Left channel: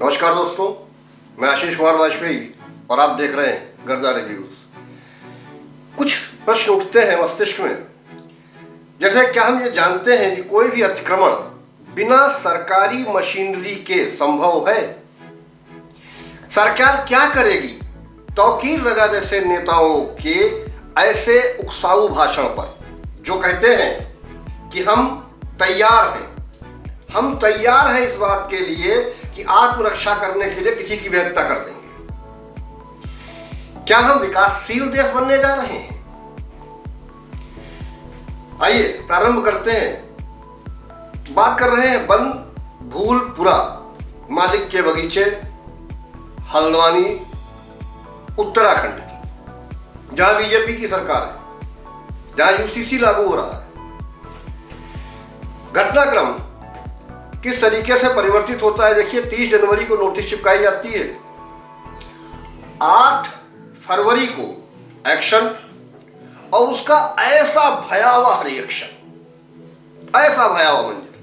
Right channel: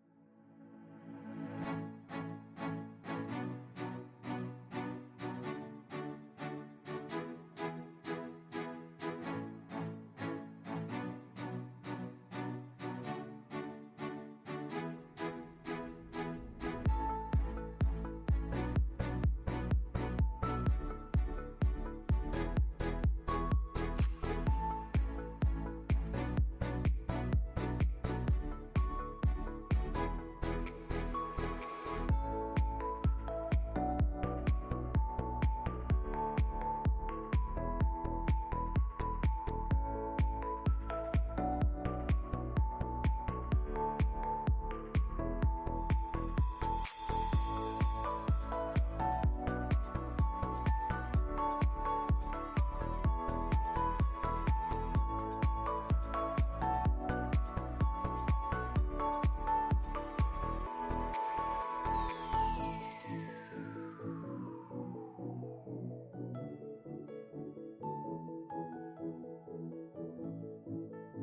नमस्कार दोस्तों, मैं आशीष कुमार वाजपेयी और आप देख रहे हैं गर्दा रिव्यूज। कुछ प्रश्न उठते हैं मस्तिष्क में, जैसे क्या हम ये जानते हैं कि कोई भी अतिक्रमण बिना सरकारी मशीनरी के संभव है? सरकार क्या करेगी तौकीर लगा जैसे नेताओं के ऐसे उकसाऊ भाषण पर, जो कहते हैं कि हम तैयार हैं इस बात के लिए कि आत्मरक्षा करने के लिए किसी की भी हत्या कर देंगे। क्या हम विकासशील देश बनने जा रहे हैं? आइए प्रारंभ करते हैं। बात कर रहे हैं वन भूलपुरा मालिक के बगीचे, हल्द्वानी, उत्तराखंड की, जहां बीजेपी की सरकार है, जहां यूसीसी लागू हो रहा है। घटनाक्रम किस तरीके से परिवर्तित होता है देखिए। 30 जनवरी को नोटिस चिपकाई जाती है, 8 फरवरी को एक्शन, और उसका ऐसा भयावह रिएक्शन, ऐसा भयावह मंजर।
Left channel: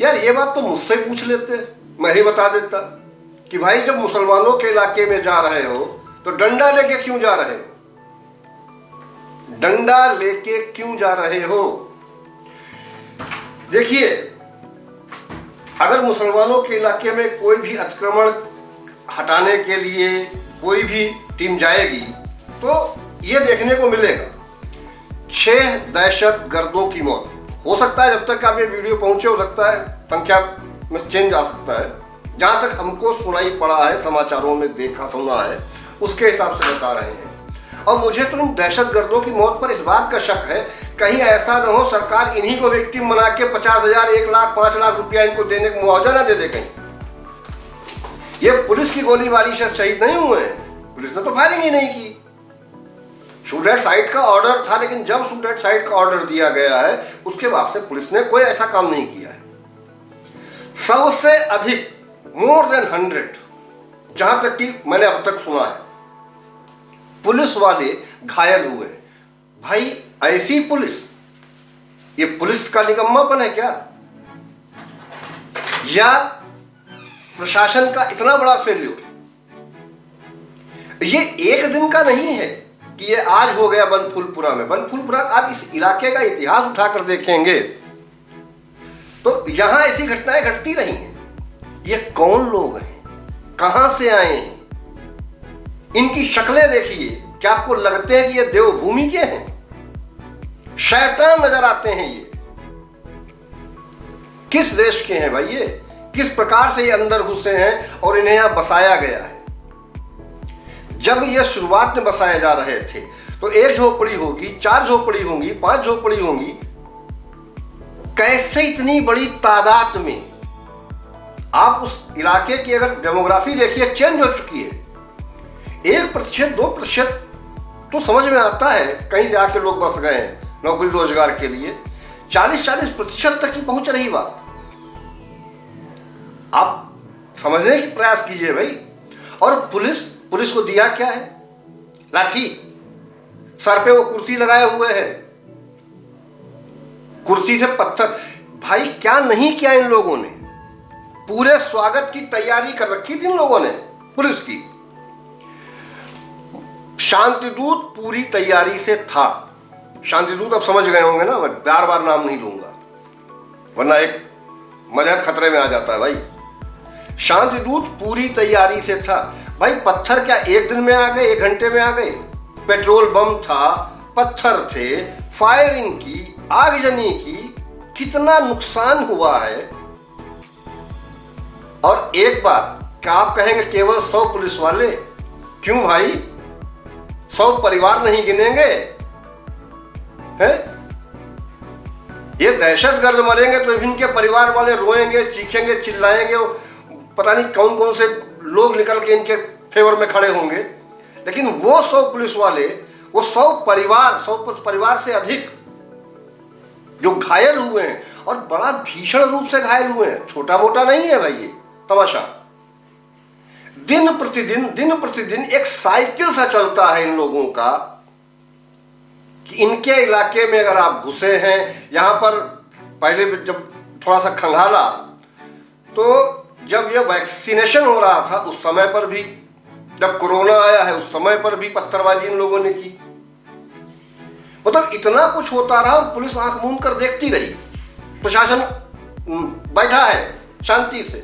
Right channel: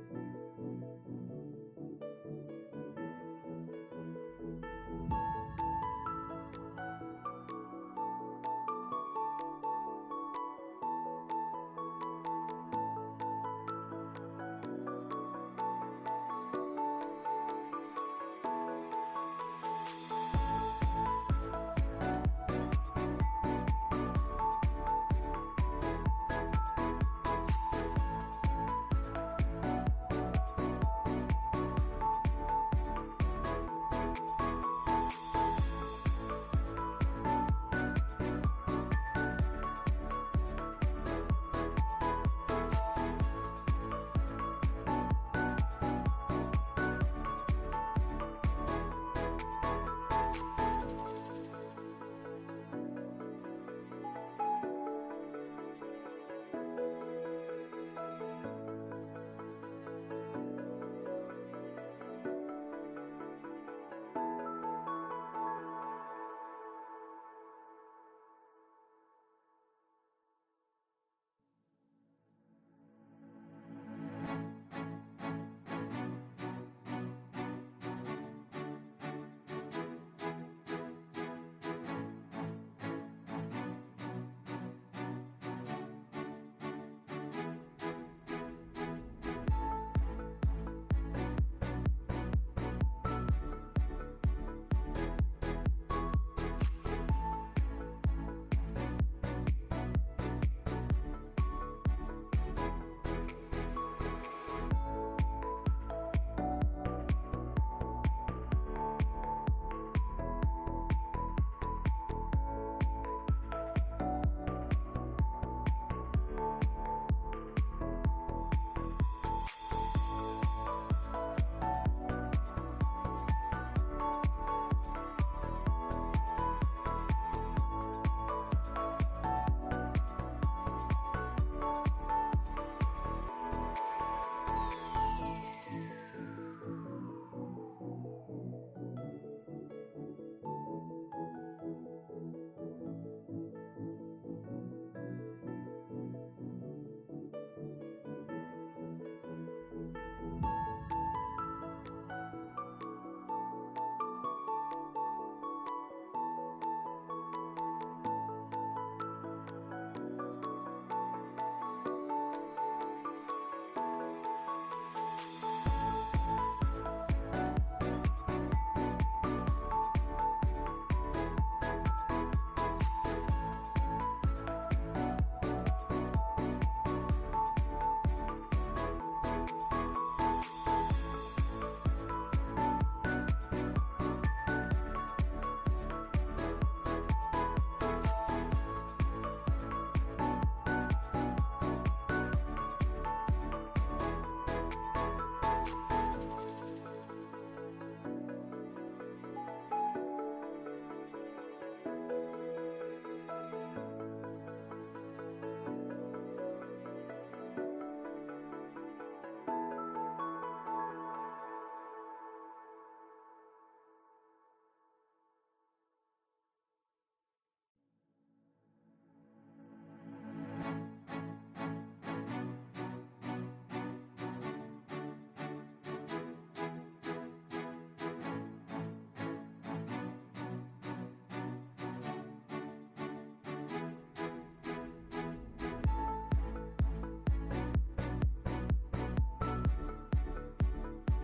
यार ये बात तो मुझसे पूछ लेते, मैं ही बता देता कि भाई जब मुसलमानों के इलाके में जा रहे हो तो डंडा लेके क्यों जा रहे हो? डंडा लेके क्यों जा रहे हो? देखिए, अगर मुसलमानों के इलाके में कोई भी अतिक्रमण हटाने के लिए कोई भी टीम जाएगी तो ये देखने को मिलेगा 6 दहशत गर्दों की मौत। हो सकता है जब तक आप ये वीडियो पहुंचे, हो सकता है संख्या में चेंज आ सकता है। जहां तक हमको सुनाई पड़ा है, समाचारों में देखा सुना है, उसके हिसाब से बता रहे हैं। और मुझे तो इन दहशत गर्दों की मौत पर इस बात का शक है, कहीं ऐसा न हो सरकार इन्हीं को विक्टिम बना के 50,000, 1 लाख, 5 लाख रुपया इनको देने का मुआवजा ना दे दे कहीं। ये पुलिस की गोलीबारी से शहीद नहीं हुए हैं, पुलिस ने तो फायरिंग ही नहीं की। शूट एट साइट का ऑर्डर था, लेकिन जब शूट एट साइट का ऑर्डर दिया गया है उसके बाद से पुलिस ने कोई ऐसा काम नहीं किया है। सबसे अधिक मोर देन 100, जहां तक कि मैंने अब तक सुना है, पुलिस वाले घायल हुए। भाई ऐसी पुलिस, ये पुलिस का निकम्मापन है क्या? या प्रशासन का इतना बड़ा फेल्यूर? ये एक दिन का नहीं है कि ये आज हो गया बनफूलपुरा में। बनफूलपुरा, आप इस इलाके का इतिहास उठाकर देखेंगे तो यहां ऐसी घटनाएं घटती रही हैं। ये कौन लोग हैं, कहां से आए हैं, इनकी शक्लें देखिए, क्या आपको लगते हैं कि ये देवभूमि के हैं? शैतान नजर आते हैं ये। किस देश के हैं भाई ये? किस प्रकार से ये अंदर घुसे हैं और इन्हें यहां बसाया गया है? जब ये शुरुआत में बसाए जा रहे थे तो 1 झोपड़ी होगी, 4 झोपड़ी होंगी, 5 झोपड़ी होंगी। कैसे इतनी बड़ी तादाद में? आप उस इलाके की अगर डेमोग्राफी देखिए, चेंज हो चुकी है। 1%, 2% तो समझ में आता है, कहीं से आके लोग बस गए हैं नौकरी रोजगार के लिए। 40-40% तक की पहुंच रही बात। आप समझने की प्रयास कीजिए भाई। और पुलिस को दिया क्या है? लाठी। सर पे वो कुर्सी लगाए हुए है, कुर्सी से पत्थर। भाई क्या नहीं किया इन लोगों ने? पूरे स्वागत की तैयारी कर रखी थी इन लोगों ने, पुलिस की। शांतिदूत पूरी तैयारी से था। शांतिदूत आप समझ गए होंगे ना, मैं बार बार नाम नहीं लूंगा वरना एक मजहब खतरे में आ जाता है भाई। शांतिदूत पूरी तैयारी से था। भाई पत्थर क्या 1 दिन में आ गए, 1 घंटे में आ गए? पेट्रोल बम था, पत्थर थे, फायरिंग की, आगजनी की, कितना नुकसान हुआ है। और एक बात, क्या आप कहेंगे केवल 100 पुलिस वाले? क्यों भाई, 100 परिवार नहीं गिनेंगे हैं? ये दहशतगर्द मरेंगे तो इनके परिवार वाले रोएंगे, चीखेंगे, चिल्लाएंगे, पता नहीं कौन कौन से लोग निकल के इनके फेवर में खड़े होंगे। लेकिन वो 100 पुलिस वाले, वो 100 परिवार से अधिक जो घायल हुए हैं, और बड़ा भीषण रूप से घायल हुए हैं। छोटा मोटा नहीं है भाई ये तमाशा। दिन प्रतिदिन एक साइकिल सा चलता है इन लोगों का कि इनके इलाके में अगर आप घुसे हैं, यहां पर पहले जब थोड़ा सा खंगाला तो जब यह वैक्सीनेशन हो रहा था उस समय पर भी, जब कोरोना आया है उस समय पर भी पत्थरबाजी इन लोगों ने की। मतलब इतना कुछ होता रहा और पुलिस आंख मूंद कर देखती रही, प्रशासन बैठा है शांति से।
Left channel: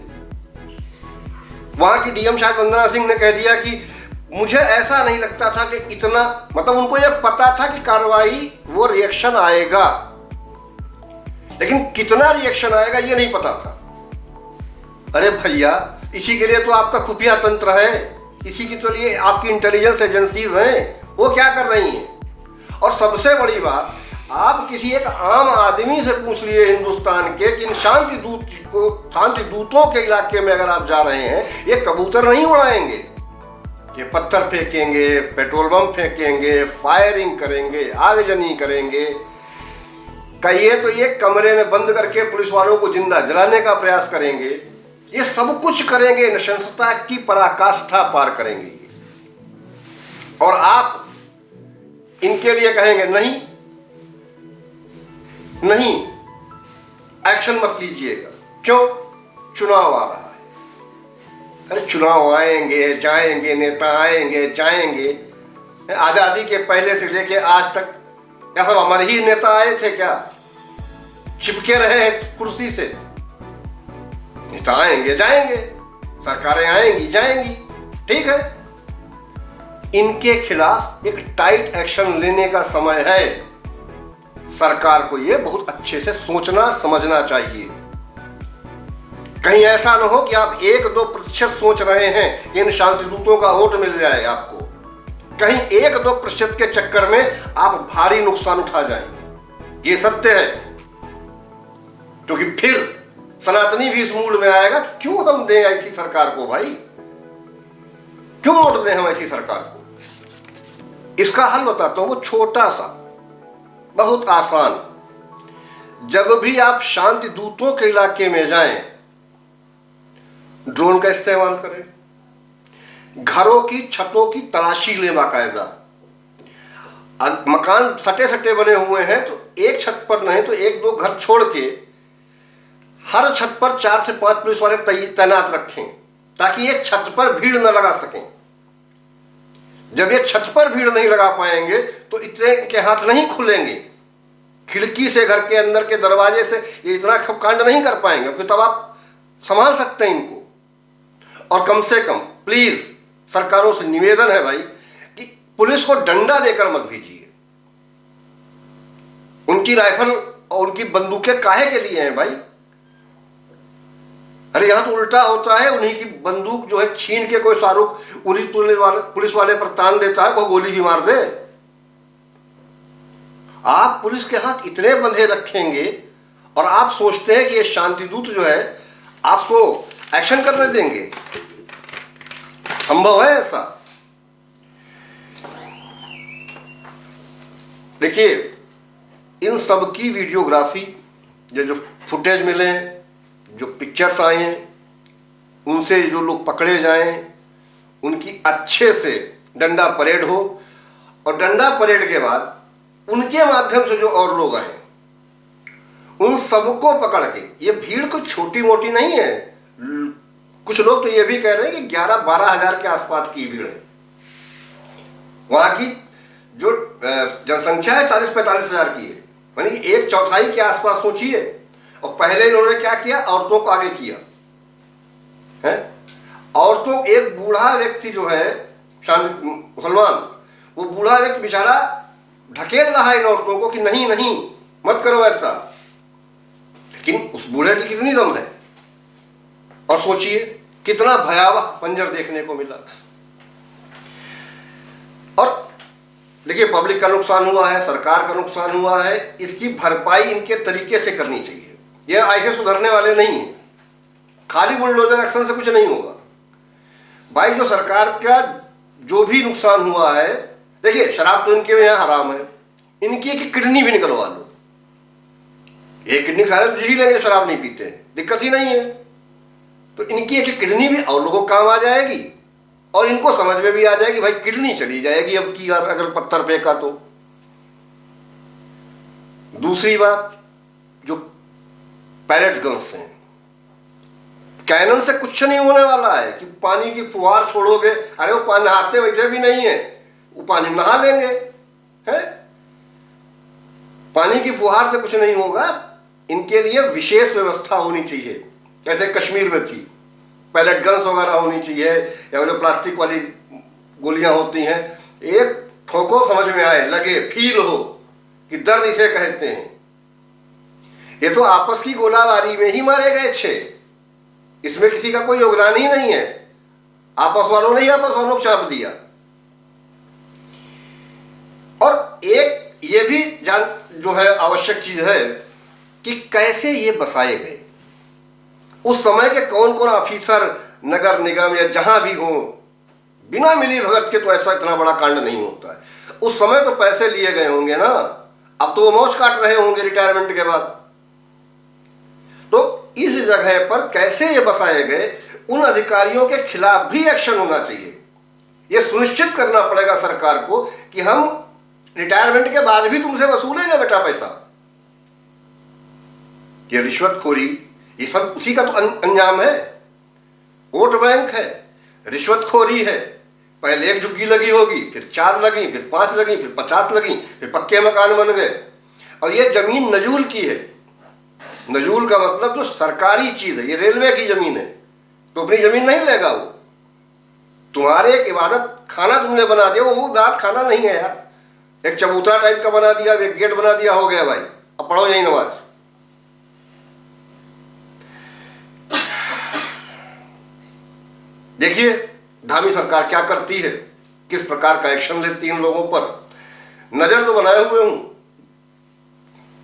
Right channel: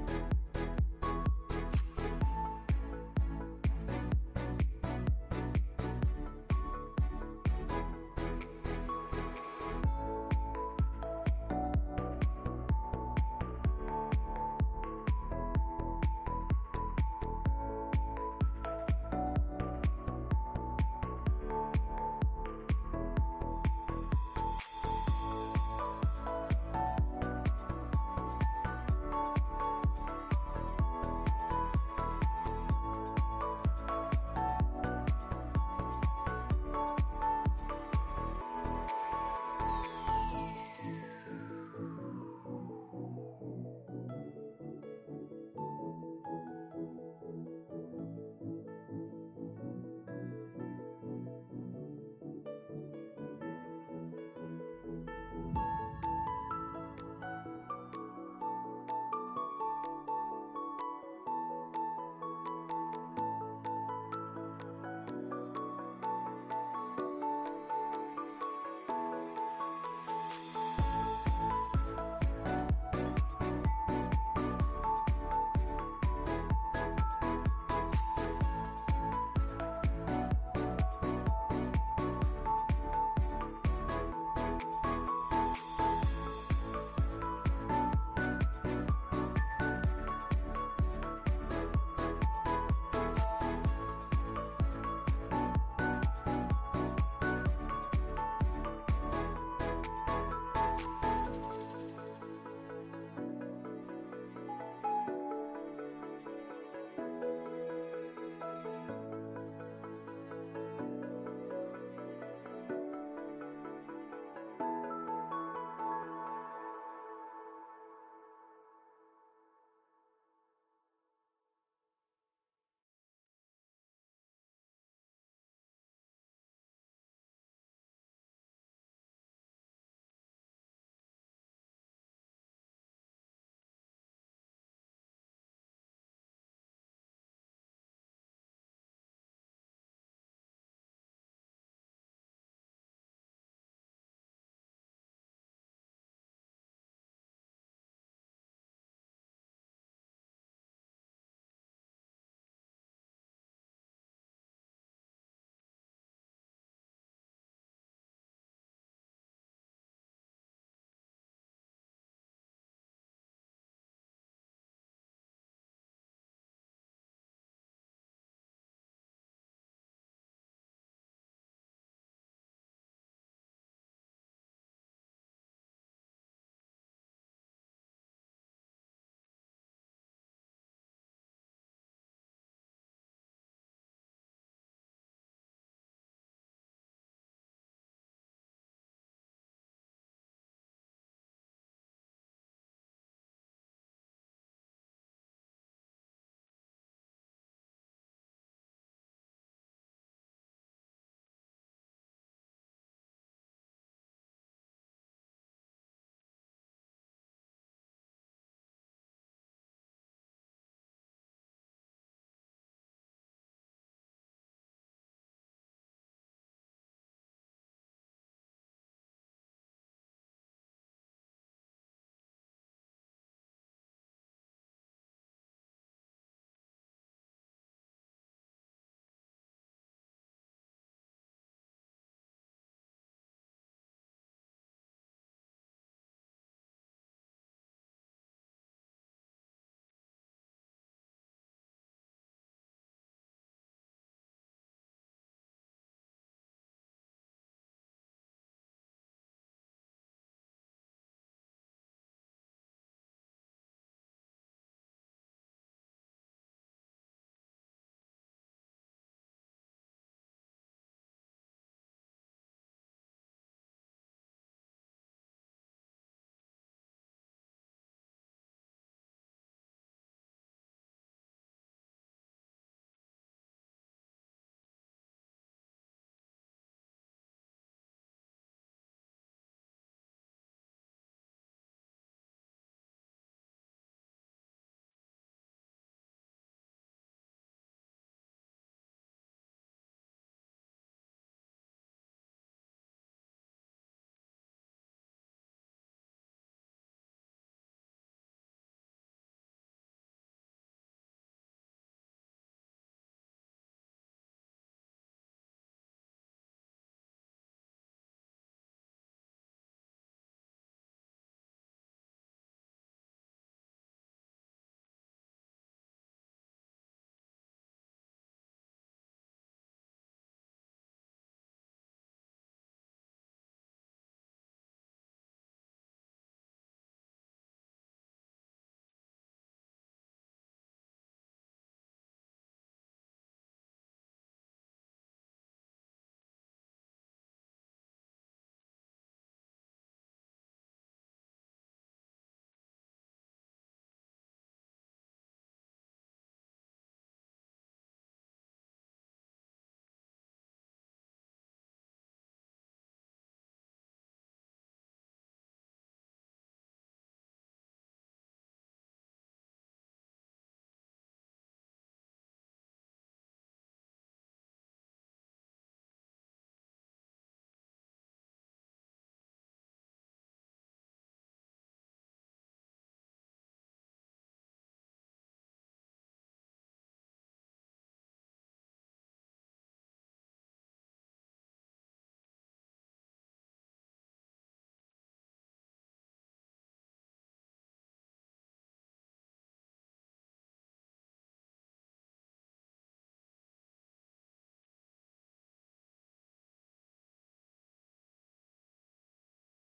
वहां की डीएम शायद वंदना सिंह ने कह दिया कि मुझे ऐसा नहीं लगता था कि इतना, मतलब उनको यह पता था कि कार्रवाई वो रिएक्शन आएगा, लेकिन कितना रिएक्शन आएगा ये नहीं पता था। अरे भैया, इसी के लिए तो आपका खुफिया तंत्र है, इसी के तो लिए आपकी इंटेलिजेंस एजेंसीज हैं, वो क्या कर रही हैं। और सबसे बड़ी बात, आप किसी एक आम आदमी से पूछ लिए हिंदुस्तान के कि इन शांति दूतों के इलाके में अगर आप जा रहे हैं, ये कबूतर नहीं उड़ाएंगे, ये पत्थर फेंकेंगे, पेट्रोल बम फेंकेंगे, फायरिंग करेंगे, आगजनी करेंगे, कहिए तो ये कमरे में बंद करके पुलिस वालों को जिंदा जलाने का प्रयास करेंगे, ये सब कुछ करेंगे, नृशंसता की पराकाष्ठा पार करेंगे। और आप इनके लिए कहेंगे नहीं नहीं, एक्शन मत लीजिएगा, क्यों? चुनाव आ रहा है। अरे चुनाव आएंगे जाएंगे, नेता आएंगे जाएंगे, आजादी के पहले से लेके आज तक क्या सब हमारे ही नेता आए थे क्या? चिपके रहे कुर्सी से? नेता आएंगे जाएंगे, सरकारें आएंगी जाएंगी, ठीक है। इनके खिलाफ एक टाइट एक्शन लेने का समय है। सरकार को यह बहुत अच्छे से सोचना समझना चाहिए। कहीं ऐसा न हो कि आप 1-2% सोच रहे हैं कि इन शांति दूतों का वोट मिल जाए आपको, कहीं 1-2% के चक्कर में आप भारी नुकसान उठा जाएंगे। ये सत्य है, क्योंकि फिर सनातनी भी इस मूड में आएगा कि क्यों हम दें ऐसी सरकार को, भाई क्यों वोट दें हम ऐसी सरकार को। इसका हल बताता हूं, वो छोटा सा, बहुत आसान। जब भी आप शांति दूतों के इलाके में जाएं, ड्रोन का इस्तेमाल करें, घरों की छतों की तलाशी लें बाकायदा। मकान सटे सटे बने हुए हैं तो एक छत पर नहीं तो 1-2 घर छोड़ के हर छत पर 4 से 5 पुलिस वाले तैनात रखें, ताकि एक छत पर भीड़ न लगा सकें। जब ये छत पर भीड़ नहीं लगा पाएंगे तो इतने के हाथ नहीं खुलेंगे, खिड़की से घर के अंदर के दरवाजे से ये इतना सब कांड नहीं कर पाएंगे, क्योंकि तब आप संभाल सकते हैं इनको। और कम से कम प्लीज सरकारों से निवेदन है भाई कि पुलिस को डंडा देकर मत भेजिए। उनकी राइफल और उनकी बंदूकें काहे के लिए हैं भाई? अरे यहां तो उल्टा होता है, उन्हीं की बंदूक जो है छीन के कोई शाहरुख उरी पुलिस वाले पर तान देता है, वो गोली भी मार दे। आप पुलिस के हाथ इतने बंधे रखेंगे और आप सोचते हैं कि ये शांति दूत जो है आपको एक्शन करने देंगे? संभव है ऐसा? देखिए, इन सब की वीडियोग्राफी, जो फुटेज मिले, जो पिक्चर्स आए हैं, उनसे जो लोग पकड़े जाएं, उनकी अच्छे से डंडा परेड हो, और डंडा परेड के बाद उनके माध्यम से जो और लोग आए उन सबको पकड़ के, ये भीड़ कोई छोटी मोटी नहीं है। कुछ लोग तो ये भी कह रहे हैं कि 11-12 हजार के आसपास की भीड़ है। वहां की जो जनसंख्या है 40-45 हजार की है, यानी कि 1/4 के आसपास सोचिए। और पहले इन्होंने क्या किया, औरतों को आगे किया है। औरतों, एक बूढ़ा व्यक्ति जो है शांति मुसलमान, वो बूढ़ा व्यक्ति बेचारा ढकेल रहा है इन औरतों को कि नहीं नहीं मत करो ऐसा, लेकिन उस बूढ़े की कितनी दम है। और सोचिए कितना भयावह मंजर देखने को मिला। और देखिए, पब्लिक का नुकसान हुआ है, सरकार का नुकसान हुआ है, इसकी भरपाई इनके तरीके से करनी चाहिए। ये ऐसे सुधरने वाले नहीं है, खाली बुलडोजर एक्शन से कुछ नहीं होगा भाई। जो सरकार का जो भी नुकसान हुआ है, देखिए शराब तो इनके यहाँ हराम है, इनकी एक किडनी भी निकलवा लो, एक किडनी खा रहे तो जी लेंगे, शराब नहीं पीते, दिक्कत ही नहीं है। तो इनकी एक किडनी भी और लोगों को काम आ जाएगी, और इनको समझ में भी आ जाएगी भाई किडनी चली जाएगी अब की बार अगर पत्थर फेंका तो। दूसरी बात, जो पैलेट गन्स हैं, कैनन से कुछ नहीं होने वाला है कि पानी की फुहार छोड़ोगे, अरे वो पानी नहाते वैसे भी नहीं है, वो पानी नहा लेंगे, है? पानी की फुहार से कुछ नहीं होगा। इनके लिए विशेष व्यवस्था होनी चाहिए, जैसे कश्मीर में थी, पैलेट गन्स वगैरह होनी चाहिए, या वो प्लास्टिक वाली गोलियां होती हैं, एक ठोको समझ में आए, लगे, फील हो कि दर्द इसे कहते हैं। ये तो आपस की गोलाबारी में ही मारे गए 6, इसमें किसी का कोई योगदान ही नहीं है, आपस वालों ने ही आपस वालों को चाप दिया। और एक ये भी जान जो है आवश्यक चीज है कि कैसे ये बसाए गए, उस समय के कौन कौन ऑफिसर नगर निगम या जहां भी हो, बिना मिली भगत के तो ऐसा इतना बड़ा कांड नहीं होता है। उस समय तो पैसे लिए गए होंगे ना, अब तो वो मौज काट रहे होंगे रिटायरमेंट के बाद। तो इस जगह पर कैसे ये बसाए गए, उन अधिकारियों के खिलाफ भी एक्शन होना चाहिए। ये सुनिश्चित करना पड़ेगा सरकार को कि हम रिटायरमेंट के बाद भी तुमसे वसूलेंगे बेटा पैसा। ये रिश्वतखोरी, ये सब उसी का तो अंजाम है। वोट बैंक है, रिश्वतखोरी है, पहले 1 झुग्गी लगी होगी, फिर 4 लगी, फिर 5 लगी, फिर 50 लगी, फिर पक्के मकान बन गए। और ये जमीन नजूल की है। नजूल का मतलब जो सरकारी चीज है, ये रेलवे की जमीन है, तो अपनी जमीन नहीं लेगा वो। तुम्हारे एक इबादत खाना तुमने बना दिया, वो बात खाना नहीं है यार, एक चबूतरा टाइप का बना दिया, एक गेट बना दिया, हो गया भाई, अब पढ़ो यही नमाज। देखिए धामी सरकार क्या करती है, किस प्रकार का एक्शन लेती है इन लोगों पर। नजर तो बनाए हुए हूं,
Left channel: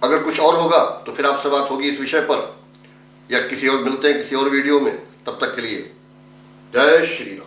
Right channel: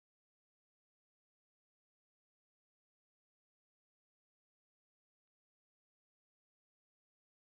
अगर कुछ और होगा तो फिर आपसे बात होगी इस विषय पर, या किसी और मिलते हैं किसी और वीडियो में। तब तक के लिए जय श्री राम।